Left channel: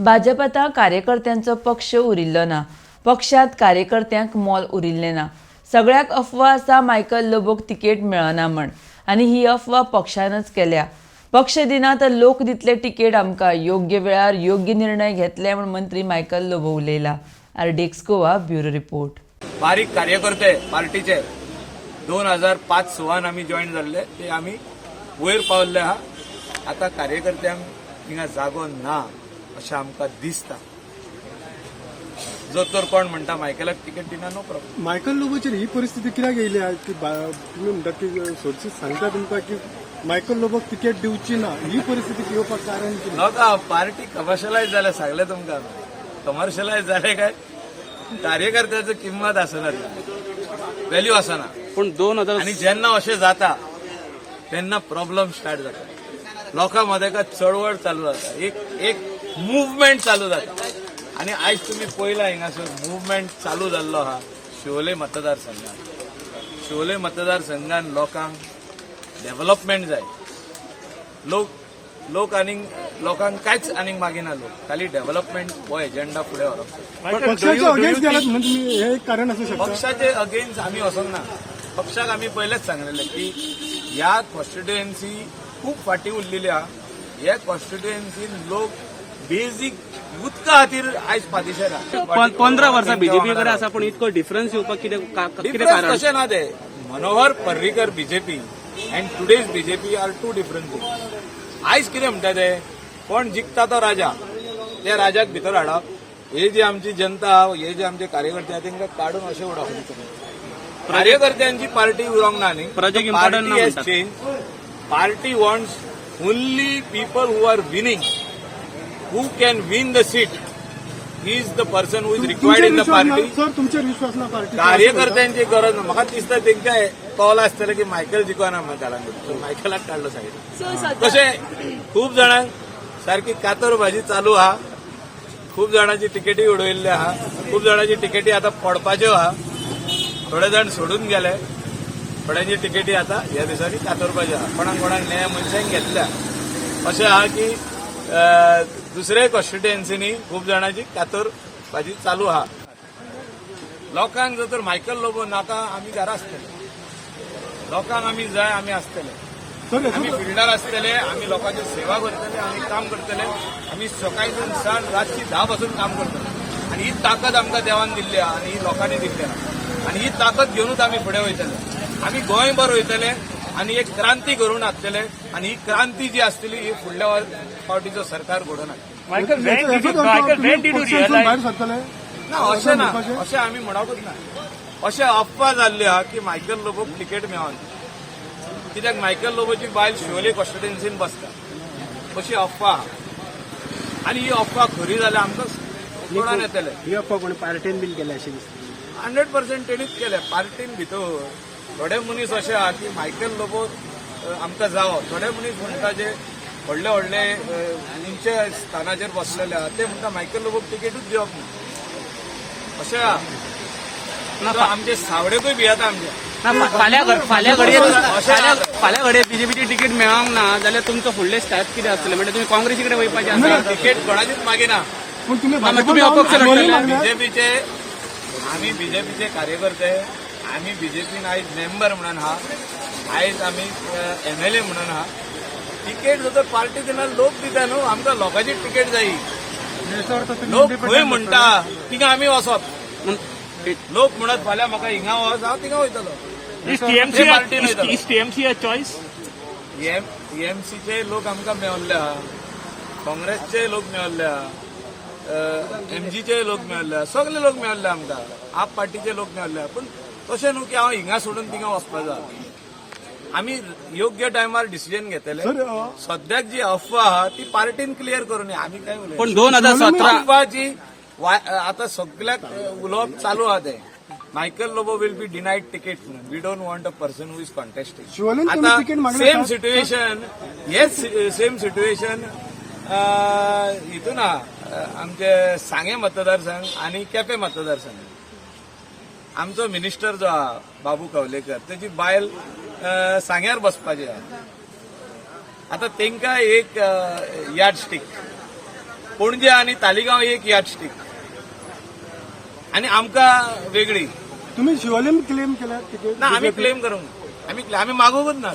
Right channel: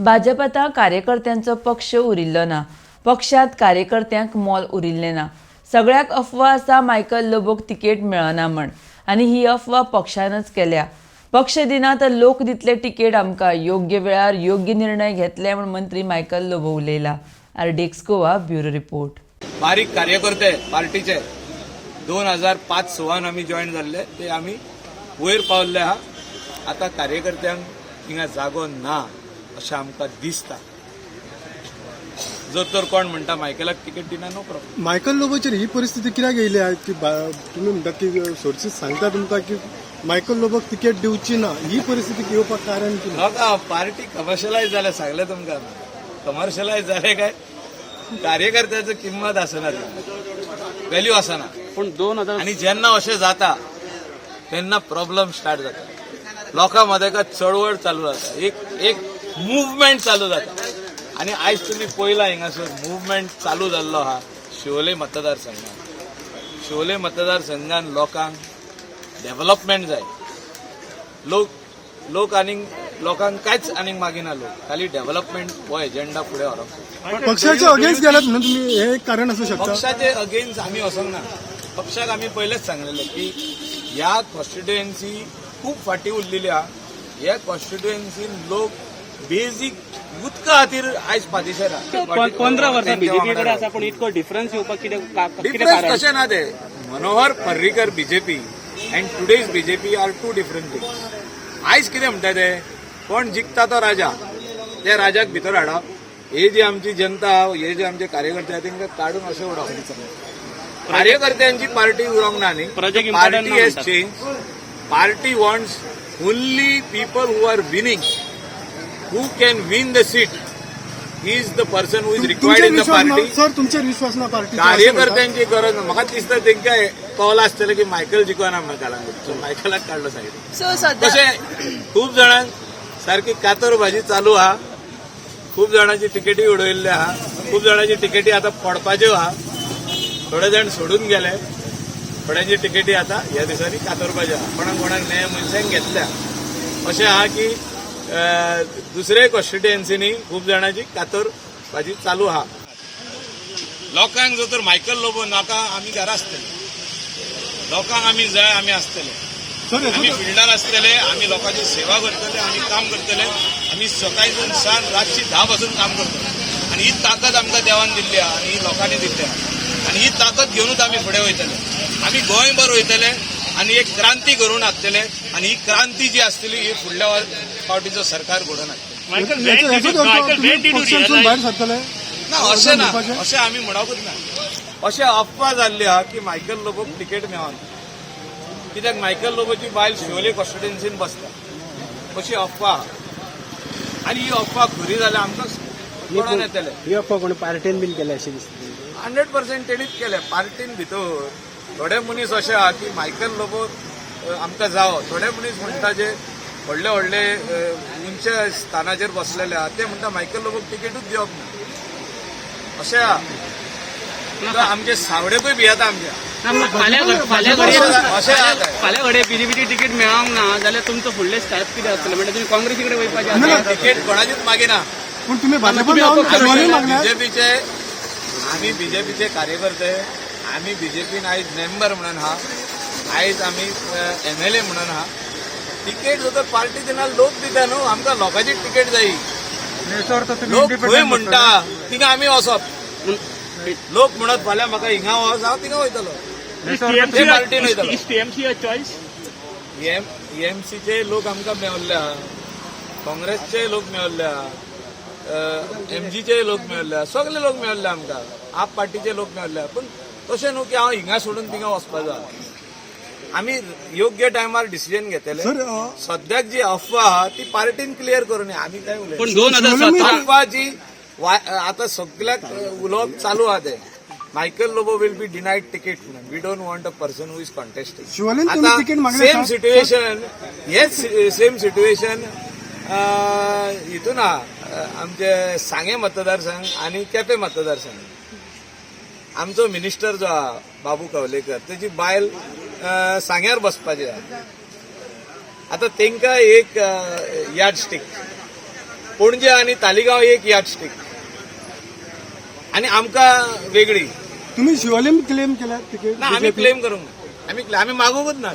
भाजपात कार्यकर्त्यांचो पक्ष उरिल्लो ना. पक्षात कार्यकर्त्यांक मोल उरिल्लें ना. सगळ्याक अफवा आसा मायकल लोबोक तिकेट मेळना म्हण, आनी ही अफवा पक्षानच केल्या. पक्ष दिना तर लोक दितले तिकेट आमकां. योग्य वेळार योग्य निर्णय घेतले म्हण मंत्री मायकल लोबो उलयला. RDX Goa bureau report. बारीक कार्यकर्ते पार्टीचे 2005-06 आमी जॉईन जाल्ले ते आमी वयर पावल्ले आहा. आता कार्यकर्त्यांक हिंगा जागो ना अशें आमकां दिसता. जो तर कोण म्हणटा मायकलाक तिकेट दिना, नो प्रॉब्लेम. मायकल लोबोचेर ही परिस्थिती कित्याक येयली आयज की तुमी म्हणटा की सोर्सीस सांगता तुमकां की मायकल लोबोक तिकेट दिवची ना, ही परिस्थिती येवपाक कारण कितें? नका, पार्टी कमर्शलायज जाल्या सांगले तुमकां. कमर्शलायज जाले काय कार्यकर्त्याची किंमत आसना, व्हॅल्यू आसना. पण 2000 आणि जेन्ना अशें जाता तेन्ना प्रॉब्लेम स्टार्ट जाता. लोकां मदें चळवळ चालू जाता, एक मुवमेंट चालू जाता. आणि आयज तुम्ही पळयला हिंगासर मुवमेंट चालू जाल्लो आहा शिवोले मतदारसंघात. शिवोले मतदारसंघात लोकांक डेव्हलपमेंट जाय. लोकांक कांयच आनीक मागिना. लोक खाली डेव्हलपमेंट हो एजेंडा फुडें व्हरप जाय. पक्षाचे अगेन्स्ट गेल्यात न्हू तुमी, हे कारण असू शकता. पक्षाचे अगेन्स्ट आमी वचोंक ना. पक्षाक आमी पयलेच सांगलेले की ह्या कॉन्स्टिट्युएन्सी खूब फाटी उरलेली आहा. ह्या कॉन्स्टिट्युएन्सीन लोक बेजीक उदका खातीर आयज पातीशेर आहा. 15 वर्सां बीजेपी कडेन आसा, पण इतको डिफरन्स येवपाक कितें डिफरन्स कारण? कशें ना ते. Manohar Parrikar BJP and today's BJP are two different things. आयज कितें म्हणटा ते, कोण जिखता तो राजा, त्या राजाक भितर हाडप. हे जी आमची जनता, हे जे आमचे कार्यकर्ते आहा तांकां काडून अशें उडोवप. कार्यकर्त्यांची पार्टी उरोंक ना न्ही. Party has change. Party wants only people who are winning, who can win the seat. He is the person who is required in the party. Sir तुमचेर विश्वास ना पार्टी? कार्यकर्त्यांची गरज ना. म्हाका दिसता तांकां कळला आसतलें की मायकल जिखना म्हणून काळांगूट, सो मायकलाक काडलो सायडीक. तशें खूब जाणांक सारकी कातर भाजी चालू आहा. खूब जाणांची तिकेटी उडयल्ली आहा. खूब जाणांची तिकेटी आतां पडपाच्यो आहा. थोडे जाण सोडून गेले. थोड्यांची तिकेटी आतां ह्या दिसांनी कातरपाच्यो आहा. कोणाक नया मनशांक घेतल्या. अशें आहा की दुसरे कॉन्स्टिट्युएन्सीनी खूब जाणांची कातर भाजी चालू आहा. लोकांक जर तर मायकल लोबो नाका, आमी घरा आसतले. लोकांक आमी जाय, आमी आसतले. आमी फिल्डार आसतले. आमी लोकांची सेवा करतले. आमी काम करतले. आमी सकाळीसून सांज रातची 10 पासून काम करतले. आणि ही ताकद आमकां देवान दिल्ली आहा आनी ही लोकांनी दिल्ली आहा. आणि ही ताकद घेवनूच आमी फुडें वयतले. आमी गोंयभर वयतले आणि एक क्रांती करून हाडटले. आणि ही क्रांती जी आसतली ही फुडल्या फावटीचो सरकार घडोवन हाडटले. ना अशें ना, अशें आमी म्हणोकूच ना. अशें अफवा जाल्ली आहा की मायकल लोबोक तिकेट मेळना. कित्याक मायकल लोबोची बायल शिवोले कॉन्स्टिट्युएन्सीन बसता अशी अफवा आहा. आनी ही अफवा खरी जाल्यार आमकां कोणान येतले. ही अफवा कोण पार्टीन बीन केल्या अशें दिसता? 100% तेणीच केले. पार्टीन भितर थोडे मनीस अशे आहा की मायकल लोबो आमकां जावो. थोडे मनीस म्हणटा जे व्हडले व्हडले उंच स्थानाचेर बसलेले आहा ते म्हणटा मायकल लोबोक तिकेटूच दिवप ना. अशें आहा. आमचे सावडेकूय भियेता आमच्या. फाल्यां घडये बीजेपीची तिकेट मेळोंक ना जाल्यार तुमचो फुडले स्टेप कितें आसतलें? म्हणजे तुम्ही काँग्रेसी कडेन वयपाचें? तिकेट कोणाचीच मागिना. आम्ही बीजेपीचे कार्यकर्ते. आम्ही बीजेपीन आयज मेंबर म्हणून आहा. आयज आमी MLA म्हणून आहा. तिकेट जर तर पार्टी दिना लोक दिता न्हू. आमकां लोकांची तिकेट जायी. लोक खंय म्हणटा थिंगा आमी वचप. लोक म्हणत फाल्यां म्हाका हिंगा वच, हांव थिंगा वयतलो. ते पार्टीन वयतलो. EMCचे लोक आमकां मेवल्ले आहा. काँग्रेसचे लोक मेवल्ले आहा. MGचे लोक मेवल्ले आहा. सगळे लोक मेवल्ले आमकां. आप पार्टीचे लोक मेवल्ले आहा. पण तशें न्हू की हांव हिंगा सोडून थिंगा वचपाचो आहा. आमी योग्य टायमार डिसिजन घेतले. सद्याक जी अफवा आहा ती पार्टीन क्लियर करून आमी काय उलयता. अफवा जी आता सगळ्याक उलोवप चालू आहा ते Michael Lobo will be denied ticket म्हणून. We don't want a person who is contesting. आता सेम सिच्युएशन, हेच सेम सिच्युएशन हितून आहा आमचे सांगे मतदारसंघ आणि केपें मतदारसंघ. आमचो मिनिस्टर जो आहा बाबू कवलेकर तेजी बायल सांग्यार बसपाची आहा. आता तांकां एक यार्ड स्टिक पणजे आणि तालिगांव एक यार्डस्टिक आणि आमकां वेगळी तुम्ही शिवोलेम क्लेम केल्यात तिकीट ना आम्ही क्लेम करूंक ना आम्ही मागूंकच ना